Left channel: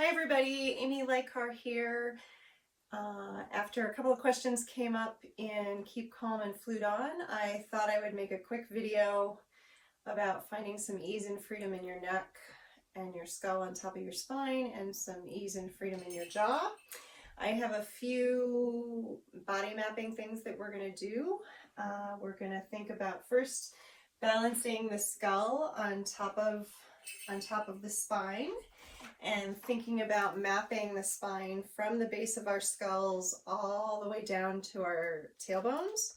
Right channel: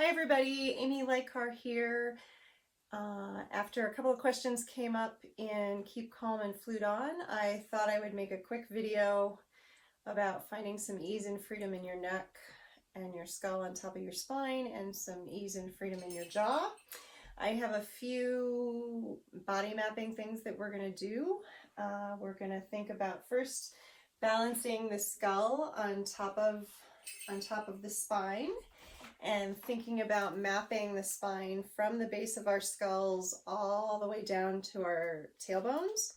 Hi everybody, Amy Lykar here. After a couple of questions came up in Keep Calm and Flute On, I thought I would make a quick video about finding some ease and freedom in your neck and your skull on top of your spine, and some ease and freedom in your jaw. I have a few body mapping things that we're going to do. We're going to think about first balancing the skull on top of the spine, and thinking about mapping the spine from the base of our skulls all the way down to our tailbones.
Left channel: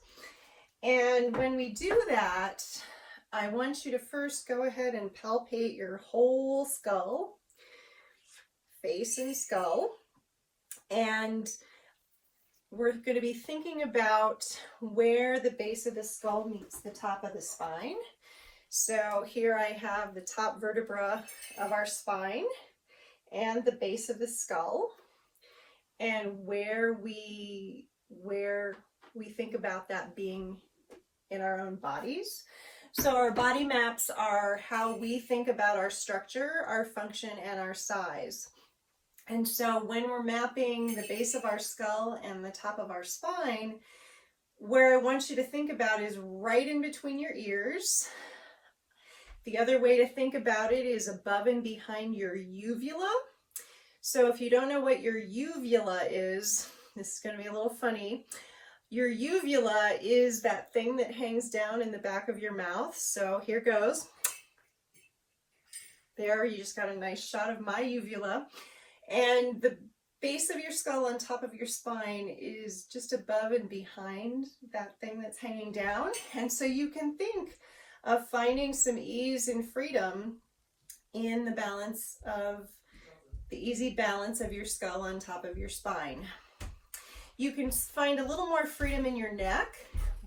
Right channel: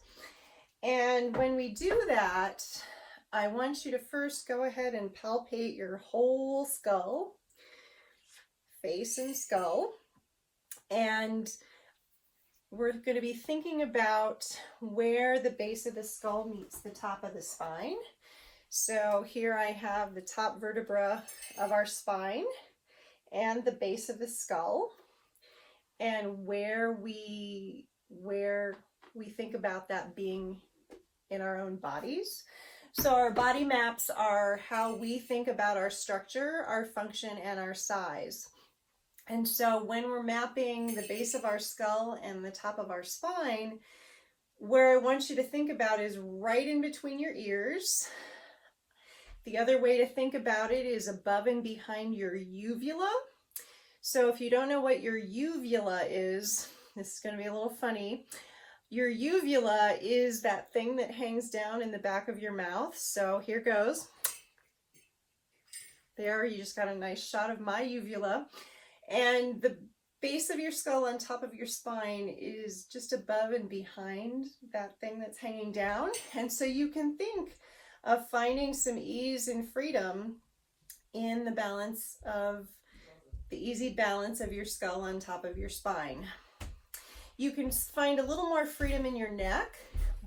And when we do that, I want you to first go ahead and palpate your whole skull, face and skull. And we're going to be thinking about where the base of the skull meets the top of the spine. So here I have the top vertebra of our spine and the base of the skull, and where we think about that being in our own bodies. So our body maps are how we think about our structure, our function, and our size. And so when we're mapping the base of our skull and the top of our spine, where I want you to think about is right in between your ears. The other way to think about it is above and behind your uvula. So if you don't know what your uvula is, this is going to be a little funny. Your uvula is that thing that hangs down in the back of your mouth. So here goes. There, you just got a nice shot of my uvula. And the base of your skull on top of your spine is just above and behind that thing that's hanging down. And so you can think of finding some ease and freedom in the balance of the easy balance of your skull on top of your spine. You can find a little more freedom in your neck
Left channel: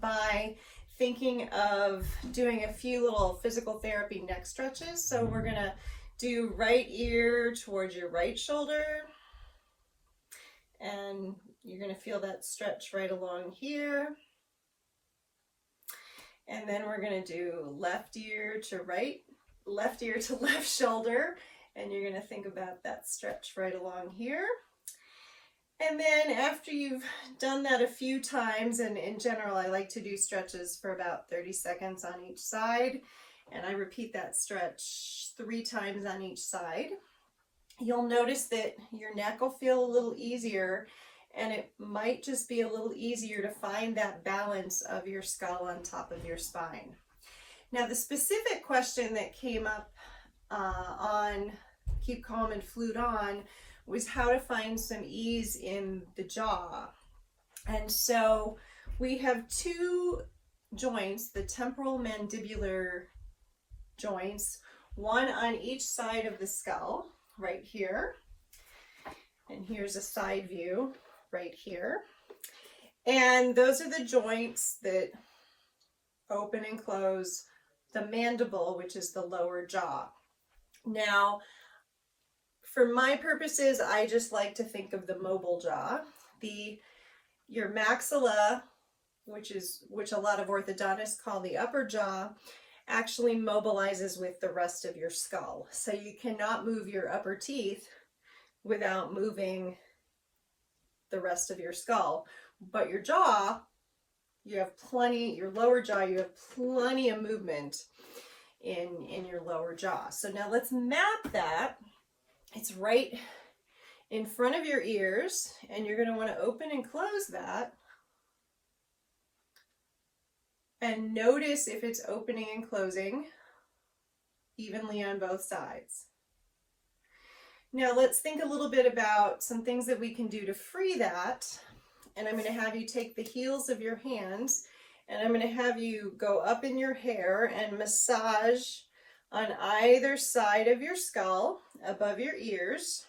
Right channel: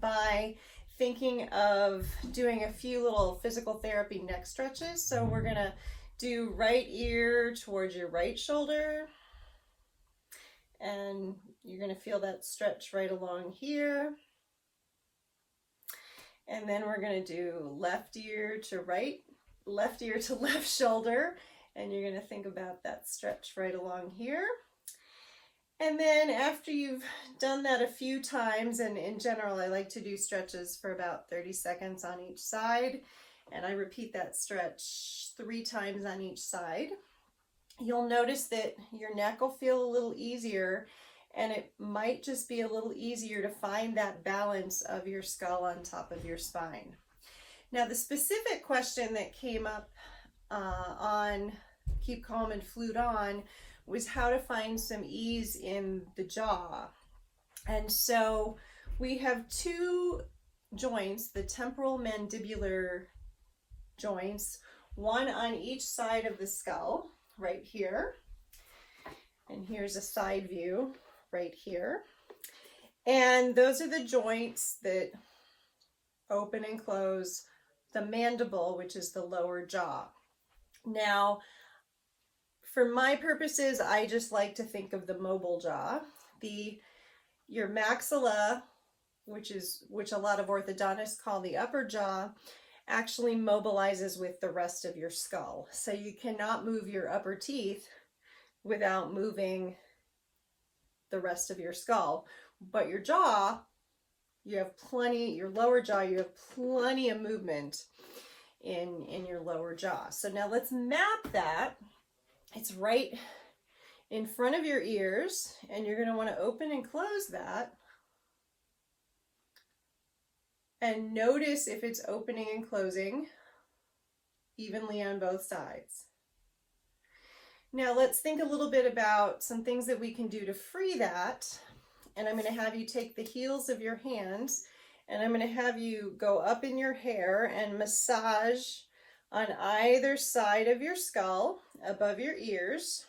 by thinking of doing a few little physical therapy neck stretches. So we're going to do right ear towards your right shoulder, and you're going to feel that stretch right along here. And then we're going to do left ear to left shoulder, and you're going to think about that stretch right along here. And then after you've done that a few times, and in general I like to do stretches for about 30 seconds on each side, and I repeat that stretch 3 times on each side, you'll notice that your neck will feel a little easier, and it might just be a little easier to find that balance of your skull on top of your spine. Now, the specific question that came up on Keep Calm and Flute On was how to find some ease in the jaw. And so we have 2 joints, the temporal mandibular joints, one on each side of the skull, right here. And here's a side view right here. And those are the joints that open and close the mandible, which is the lower jaw. Now, for my purposes, I just like to think of the mobile jaw. Your maxilla, which a lot of orthodontists call the upper jaw, actually mobilizes with the rest of your skull. So you cannot move your upper teeth without moving the rest of your skull. But your jaw, your lower jaw, you have plenty of movement in your lower jaw. So now let's map that. It's right in front of your ears, and you're going to want to open and close that. And notice if it's opening and closing evenly on both sides. Now let's think a little bit about some things that we can do to free that. And I'm going to have you take the heels of your hands, and I'm going to have you go up in your hair and massage on either side of your skull above your ears.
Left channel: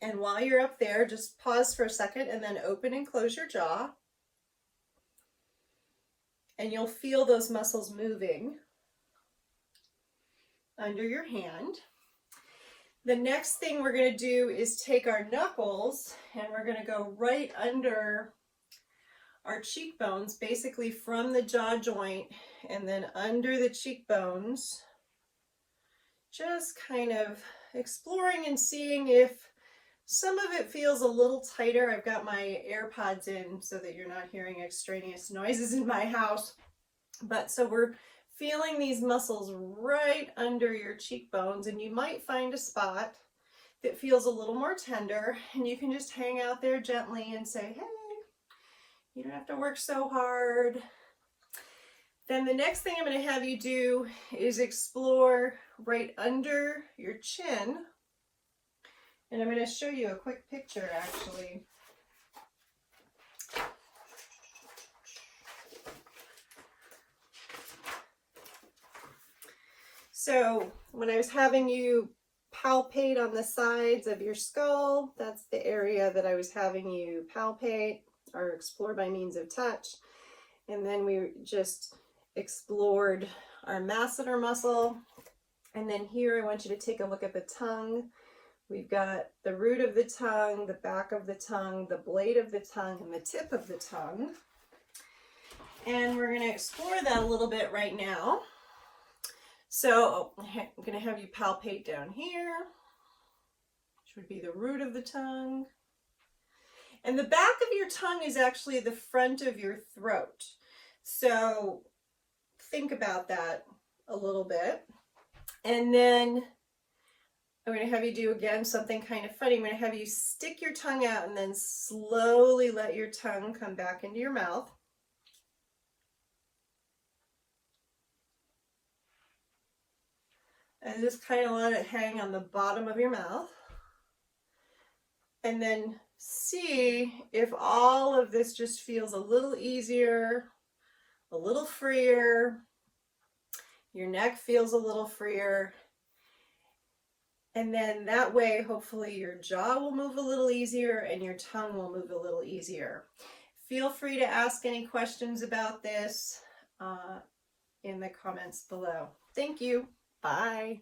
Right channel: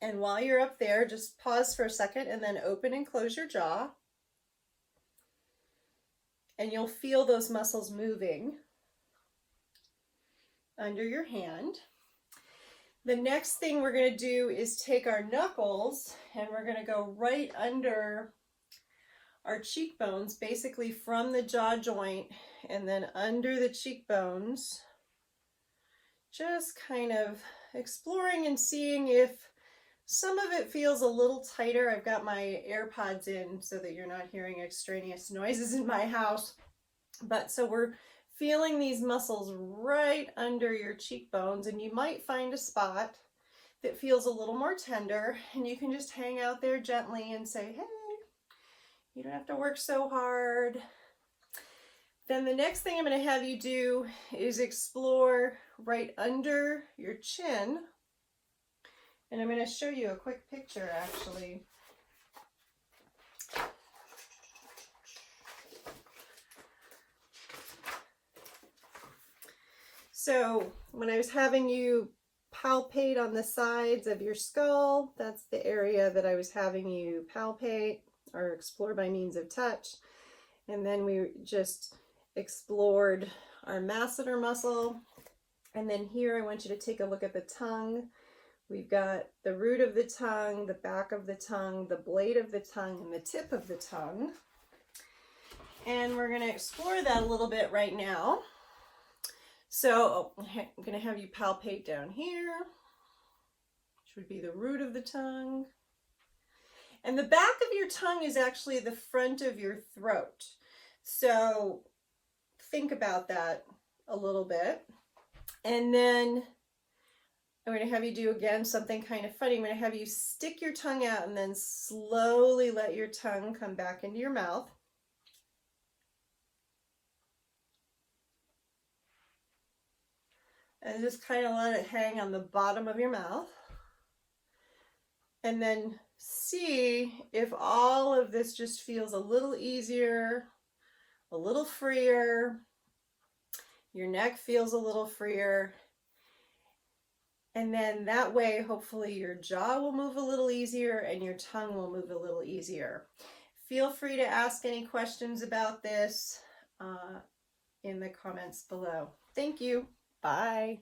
And while you're up there, just pause for a second and then open and close your jaw. And you'll feel those muscles moving under your hand. The next thing we're going to do is take our knuckles, and we're going to go right under our cheekbones, basically from the jaw joint and then under the cheekbones, just kind of exploring and seeing if some of it feels a little tighter. I've got my AirPods in so that you're not hearing extraneous noises in my house. But so we're feeling these muscles right under your cheekbones, and you might find a spot that feels a little more tender, and you can just hang out there gently and say, hey, you don't have to work so hard. Then the next thing I'm going to have you do is explore right under your chin. And I'm going to show you a quick picture actually. So when I was having you palpate on the sides of your skull, that's the area that I was having you palpate or explore by means of touch. And then we just explored our masseter muscle. And then here I want you to take a look at the tongue. We've got the root of the tongue, the back of the tongue, the blade of the tongue, and the tip of the tongue. And we're going to explore that a little bit right now. So I'm going to have you palpate down here, which would be the root of the tongue. And the back of your tongue is actually the front of your throat. So think about that a little bit. And then I'm going to have you do again something kind of funny. I'm going to have you stick your tongue out and then slowly let your tongue come back into your mouth. And just kind of let it hang on the bottom of your mouth. And then see if all of this just feels a little easier, a little freer. Your neck feels a little freer. And then that way, hopefully your jaw will move a little easier and your tongue will move a little easier. Feel free to ask any questions about this in the comments below. Thank you. Bye.